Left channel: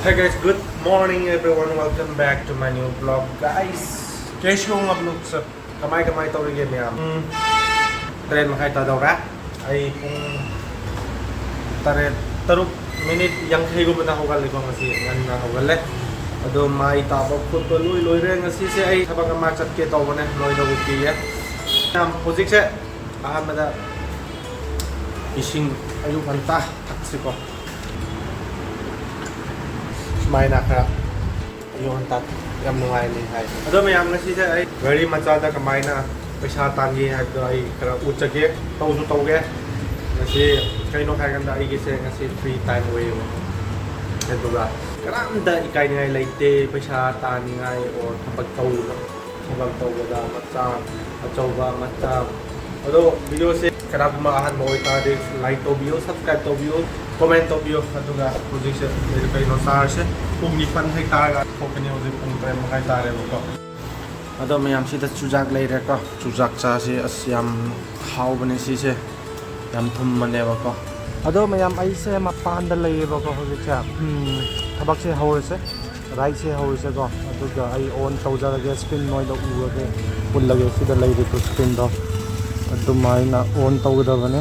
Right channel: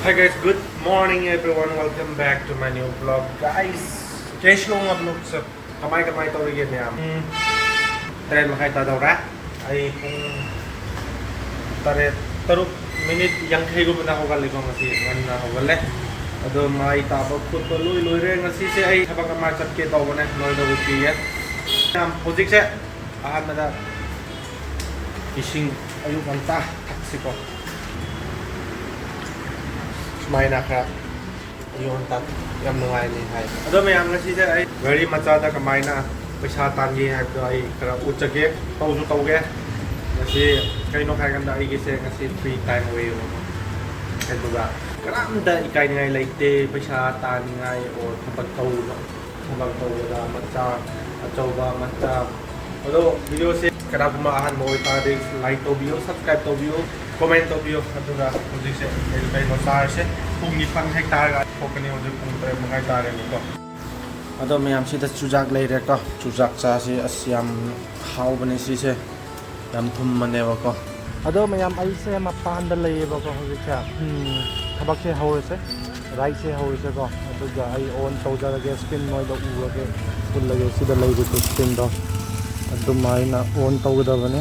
Hi guys, good morning everyone. Welcome back to my new vlog. Guys, kesh yung upload sa kamay-kamay to rin yan. Tren makita daw ra ay kung taruk minute yang kayo mo na ako gali ko kasi ngani na ako gali. Ado may tapos ko luy rin kasi siya ay habang kamasat kita ko na loy daw utiya. Puzik siya. Ahan na da ising ayun kanta taksi ko. May naka yung tat yam nungai ni hai ado mayam na si ai very machada kamai na paisa tangi hai do ai kara uchage tauge kasi kaino khai kan da ai gise ngasi free time way mo ken duga karam da ikai ngai laite paisa tan ngai o thapag tau da macha achauba macha ado video se kara maahan mo ita de like to view subscribe to view comment to view aduga music se mere kai no star se kung nipan hectare fokani hoje kung tre mo hectare mo ko ado mayam si da chujak lei re ko chujak cha si asyam hau bane si se yam thum mane ba ko ado mayam ai se mapan da lei ba ko hoje cha thabak se hau se right se hau se ko aduga ai on tawja ge spin noi da u ge pul lage si da lei re to spin do adumai na on tawda bane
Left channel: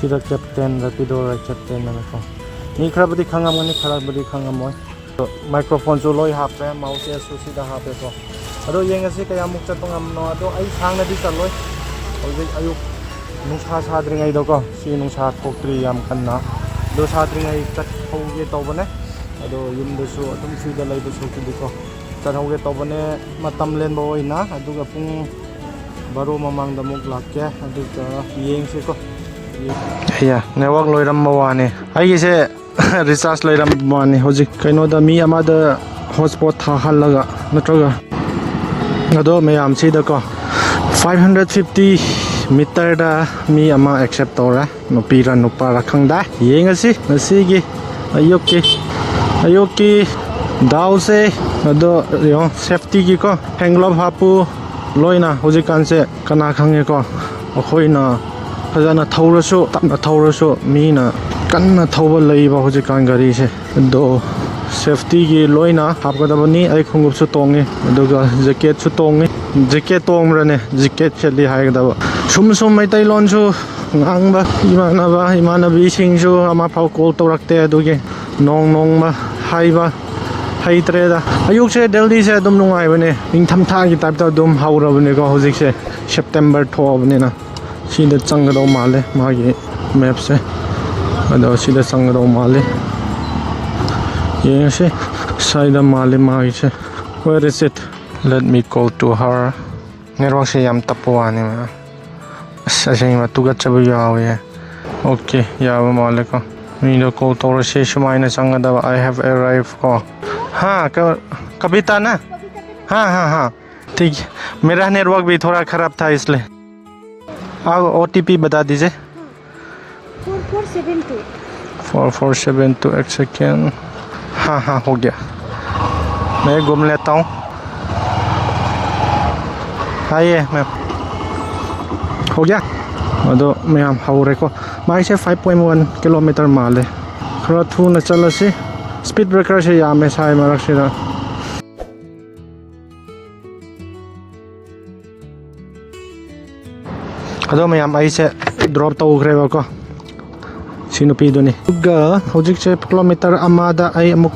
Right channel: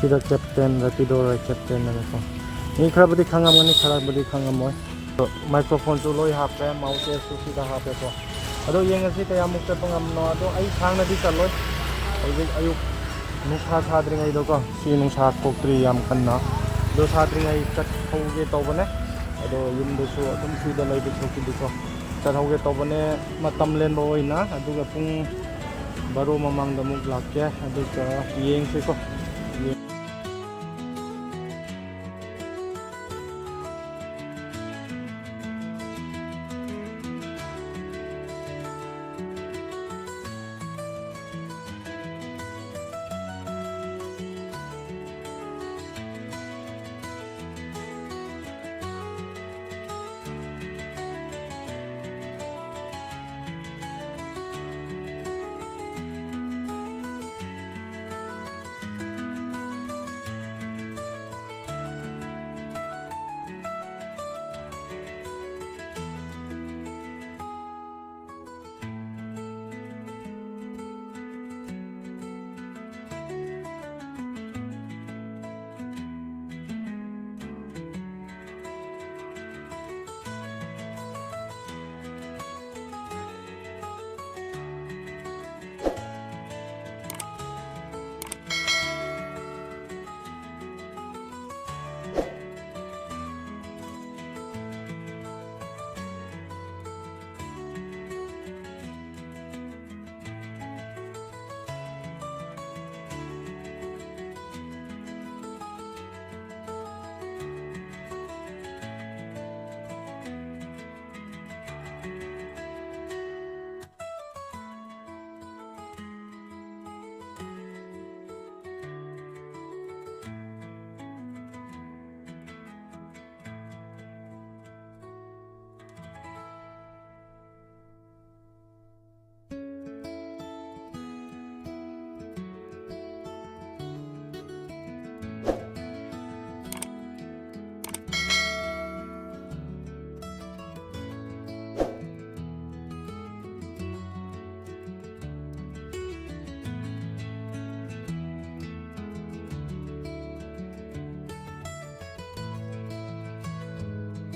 sida captain rapido ra captain na ko ni kharabadi khangam ngani kharabadi khangam moi microphone chu loi hape mouse su sida hape ko ado yengasi kaya muk chat ngam no ado ai thang na di chaloi hoje ayuk nungsa sadring ai do ko si nungsa thokri yam kanna do sadring ai chat hoge to bane ado yum de su adum sida lai de soki di ko chat hoge to bane matam len bo ina aduga pung baro mamang da muk lakke aduga yengsi ko ya network loiram mawani ai se recharge loiram mawani hoji kaino da mi amada hotspot tha halaga natraga ado mayam si da ko 550 meter da mi ama accept tora no pira no para khangda yengasi nasigi ayoki daw se ado yo safety gi ko hand glove hapu loina hoji kan se kana khange ko khoina fazana thawrasu tamna thawrasu mina kanna thawba leiba hoje kan gari se do safety gi loina hapgadabani ai khungup su tongi aduga jacket su tongi jacket tongmrane jacket cheli haigdaba sum mai tailon su ngangba imanabi singsu ama phau call torakte aduge nong ma haiba haitreda ayuk se delhi se dum nungai bane ingtham tha gi type ta dum haurabane ko hojik se september 12 ne na sida changado male magi map se ado sida changado male ye se saida male magi se where is it let me call to her network se yam tapwani ma asai ma tuga chabu yawe okay yawa male ko me do call to se shumaina changada I have arrived ko ha कविता ना हाँ ठीक मेरा network भी थोड़ा खराब था इसलिए आप OTP बता दीजिए 4472 एक सेकेंड हाँ हो गया मैं घूम लेता हूँ आइए मैम हो गया अदो मैं हम हाउरे को माई से 5.1 किलोमीटर माले खरा थू न चल से स्पीड ब्रेकर से यामे साइ मरक से अदो मैं हम आई से ड्रॉप तो उखरे को सिनुपी दुनी गा होजिक से किलोमीटर अमादा आई अमुक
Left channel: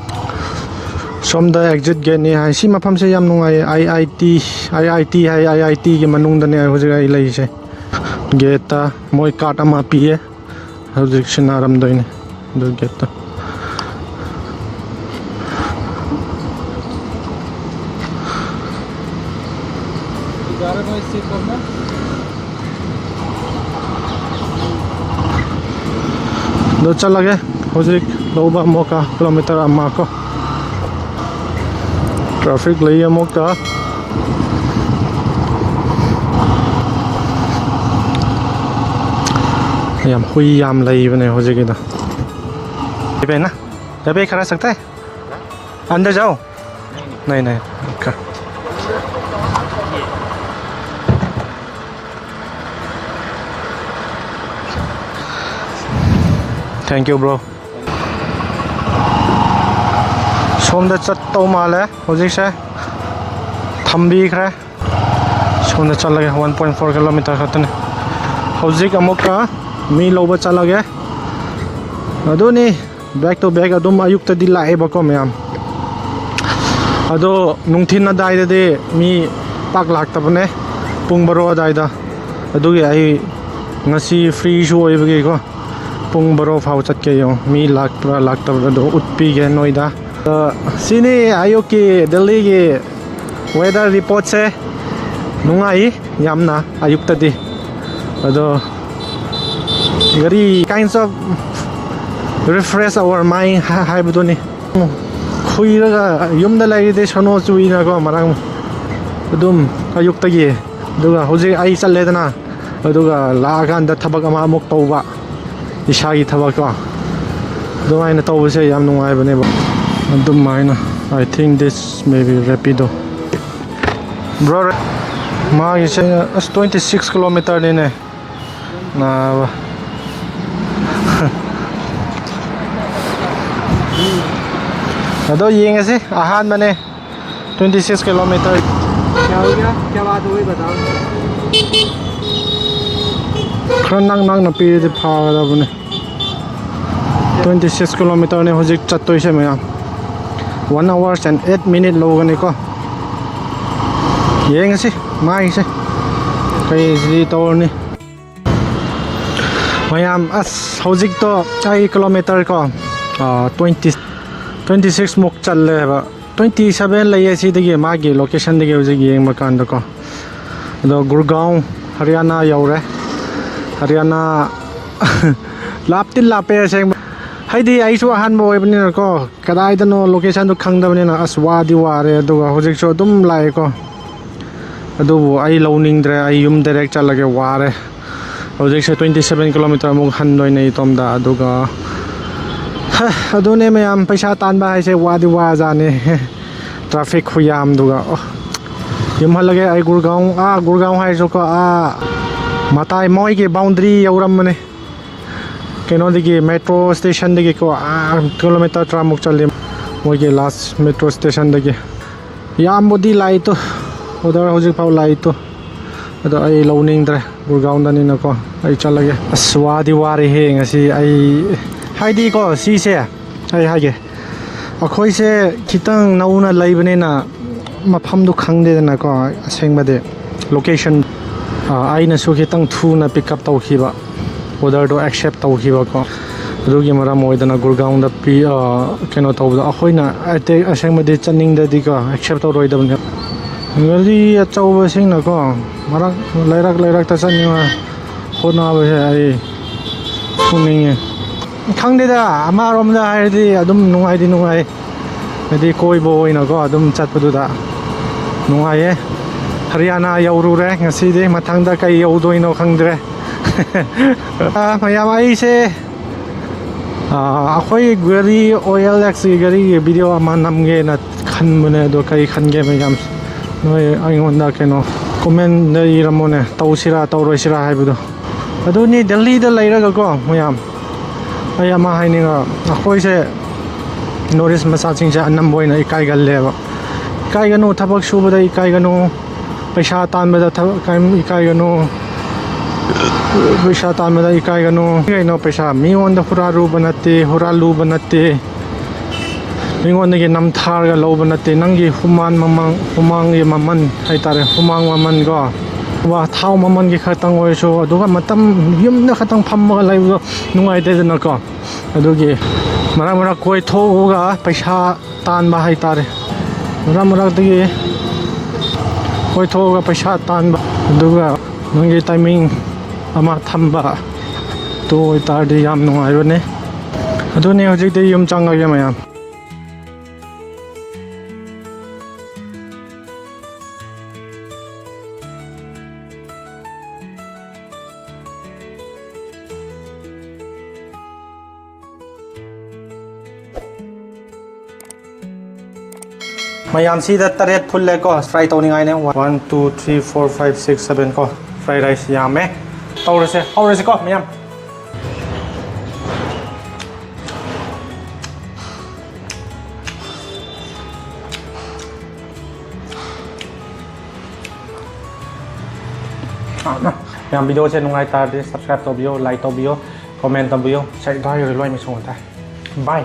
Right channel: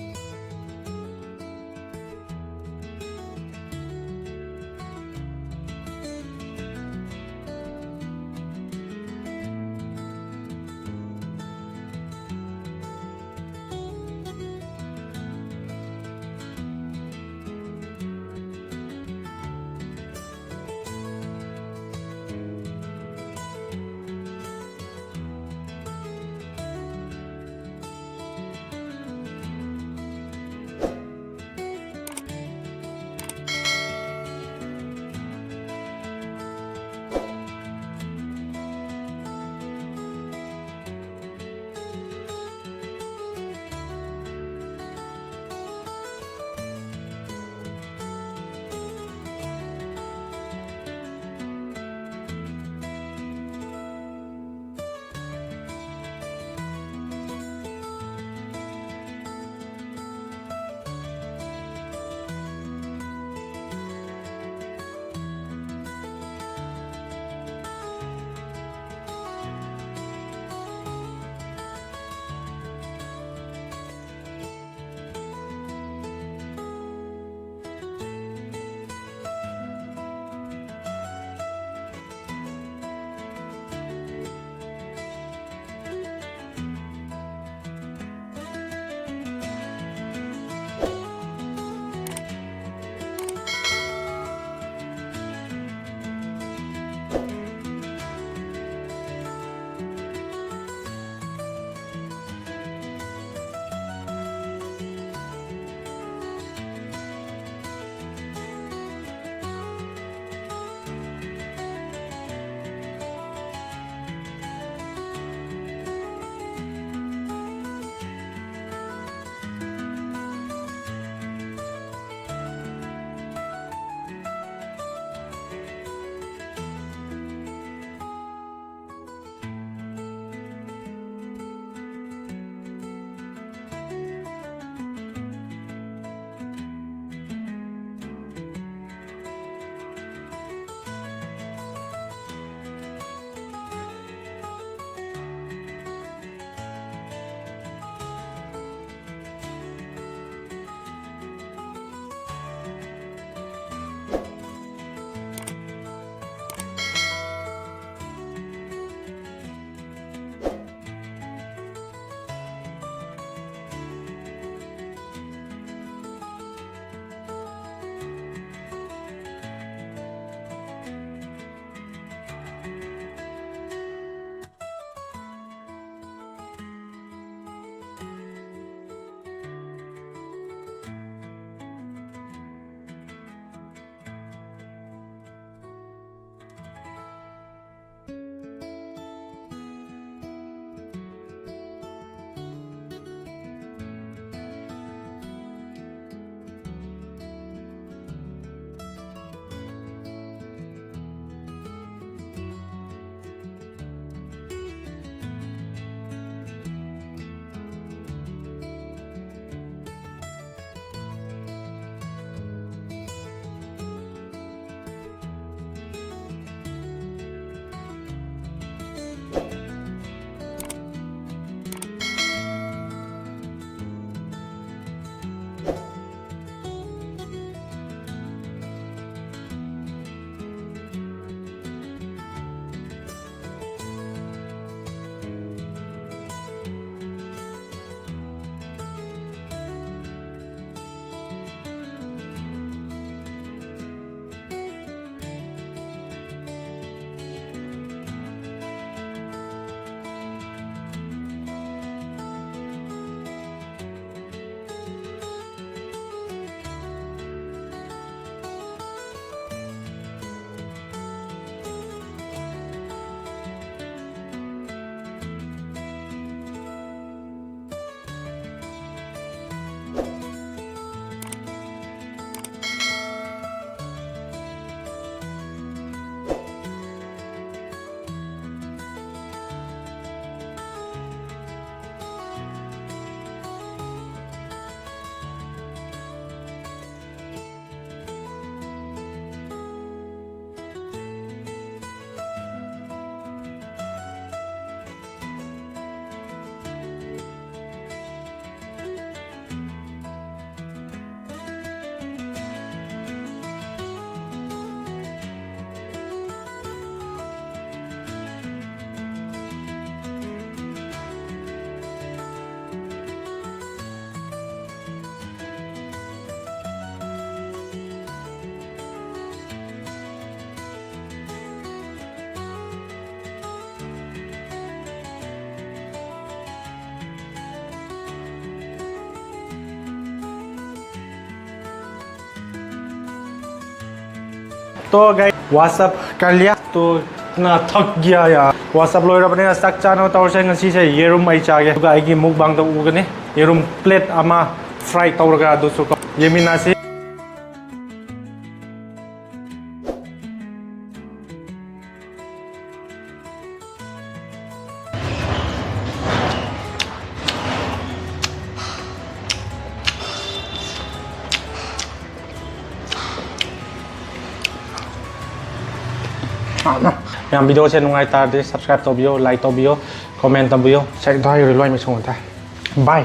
सोमदा एग्जिट गेट ने हाई सी मफम से याम नुंगाई IIT के मनुंग दने होजिक आई लई से गेटा मोय काट अमा पिए होजिक से नारम दोइने दो गेटा दो चल लगे होजिक लोबा मोका किलोमीटर अम्मा को ट्रैफिक लई मोका याम हुई याम लई बने होजिक इधर ये ना ये खड़ा सकता है अंदर जाओ नहीं थैंक यू ब्रो ꯁꯣꯝꯗ ꯆꯠꯇꯧ ꯃꯥꯜꯂꯦ ꯍꯧꯖꯤꯛꯁꯦ ꯊꯝꯕꯤꯈ꯭ꯔꯦ ꯁꯣꯝꯗ ꯆꯠꯂꯒꯦ 1.4 ꯀꯤꯂꯣꯃꯤꯇꯔ ꯈꯛꯇꯅꯤ ꯍꯧꯖꯤꯛ ꯑꯃꯨꯛꯀ ꯃꯤ ꯂꯧꯕ ꯆꯠꯂꯒꯦ ꯑꯗꯨꯅꯤ ꯕꯦꯛ ꯇꯨ ꯕꯦꯛ ꯑꯗꯨꯝ ꯑꯌꯨꯛꯇꯗꯤ ꯂꯥꯛꯑꯦꯕꯀꯣ ꯃꯌꯥꯝ ꯑꯗꯣ ꯅꯨꯡꯊꯤꯟ ꯑꯗꯥꯏꯗꯗꯤ ꯃꯤ ꯄꯥꯛ ꯂꯥꯛꯇꯕꯅꯦ ꯄꯨꯡ 12 ꯑꯗꯥꯏꯗ ꯑꯗꯨꯒꯤ ꯑꯩ ngasi free ꯁꯨ ꯑꯣꯏꯕꯒꯤꯀꯣ ꯄꯨꯡ 12 ꯐꯥꯎ ꯆꯠꯀꯦ ꯌꯦꯡꯉꯣ ꯃꯤ ꯂꯥꯛꯄ꯭ꯔꯥ ꯂꯥꯛꯇꯕ꯭ꯔꯥꯗꯣ ꯎꯠꯄꯤꯒꯦ ꯅꯣꯏꯗ ꯁꯤꯅꯤ ꯑꯌꯨꯛꯀꯤ ꯗꯦꯜꯂꯤꯒꯤ ꯋꯦꯗꯔ ꯔꯤꯄꯣꯔꯠꯁꯦ ꯅꯨꯡꯉꯥꯏ ꯌꯥꯝꯅ ꯑꯌꯨꯛꯇꯗꯤ ꯑꯗꯣ ꯒꯥꯔꯤ kinds of refresh our mind 하이브도니 ху이라가 yumda lairide sono chuinago marang adum ayuktagi aduga hoji ai challedana aduga laaganda thabak ama amuk tawba isagi thabak ko adumaina tawbase yam nungaibane ba adum maina I think this maybe Rapido bro ma is 26 kilometer ne na अदो येंगे अहान बने 26 kilometre क्या हो गया क्या बात हुई बताओ खर नंग नंग न पीदे फागदबने 26 किलोमीटर ने होजिक चत्तोइसे मया 1 hours and 8 minutes लोगने को येंगे माइसे कई जी तोरनी मयाम अस होजिक तो 8 किलोमीटर को 26 मुक चले बा 27 लय सिदगी मागी लोकेशन दगी होजिक येंग मकान दको अदो गुरगांव हरियाणा यौरे हरियाणा लापति लापे सेंग हाइदी आइसु अहान बोयबनि को कदाइदनो लोकेशन दो खंगदबनि ना असवादी वारे अदुगा होजिक सो दुम लाइको अदुबु आई लौनिंगद्रे आई युम डायरेक्ट चलगे वारे होजिक से 27 किलोमीटर मुक हनदोइ नै तोमदा अदुगा अदुने मैम पैसा तानबा है से वादी वाजाने ट्रैफिक खुयाम दुगा यमहलगे आई गुरगांव है जो को मताई मोई की बाउंड्री यौरमने केनो दिगी मेट्रो स्टेशन दिगी को किलोमीटर ट्रामुक चले मोई के लास्ट मेट्रो स्टेशन दिगी याम बोदी लाई तो उधर होजिक पाउ लाई तो अदो आई लौनिंगद्रे गुरगांव दनी नको आई चलगे अस्वादी वारे हे ngasi आई हाइदी को सीसे आई हागे अखोइसे खितंग नौना लैबनेना मफमदु खंगदेना को असेंगबदे लोकेशन आइना सु खितंग थुना पिकअप तौखिबा ऑर्डर दो एक्सेप्ट तौखिबा को दुगी मरा मोइदना गुरगांव द पी केनो तौबदा अखोइना अते असेंगबदे चनिंगददि को accept तौरोइदबने ngari achauba singna ko mara lairak ta chaniwa honabe ai funinge khangdeda amaromda haidi adum nungai adi koibo oina ko adum chatpaduda nungaye haryana yaurure ngaside mathangda kai yaudoino khangdre mayam ai se akhoi gari OLX gari video ama namge na khanmune do kai khange mayam noi aingonda keno comment nei ramone tausira tauroisira haibudo aduni delhi da lairaga ko mayam ai ama haininga akhoi notice massaging se annam boina ikai galleba ikai ganu thabak subada ikai ganu paisa tanbada kai ikai ganu paisa tanbada ikai ganu kaino paisa mi on da huraru banate huralu banate mingon ge nam thar ga loba nate nangi humang ye maman haitare humang maman go wa thau maman ge khatang oiso aduga matam yumna khatang phamma laibu nungai de na ko adugi mara koi thoga paisa tan ba haitare mara dagi koi thoga paisa tan ba aduga nangi timing ama thamba to itardi yam nungai bane adune hojik de yum changa ge mayam तो guys WhatsApp कर लिया तो ना थक गया यार WhatsApp लोइरा बने stuck चानो तौरसे ngasi se yerum ai chage ga igi mukbang da ugane yerum plate ama fry tawraga dusu ko yemina si mayam si da taret phulle ko fry tawningai ne 1 2 3 4 5 6 7 ko fry rice yame tawrase ko mayam ꯃꯌꯥꯝ ꯚꯤꯗꯤꯑꯣꯁꯦ ꯅꯨꯡꯉꯥꯏ ꯇꯥꯔꯗꯤ subscribe ꯇꯧꯕꯤꯌꯣ like ꯇꯧꯕꯤꯌꯣ comment ꯇꯧꯕꯤꯌꯣ share ꯇꯧꯔ ꯂꯣꯏ ꯃꯤꯁꯣꯡ ꯇꯥꯏ ꯕꯥꯏ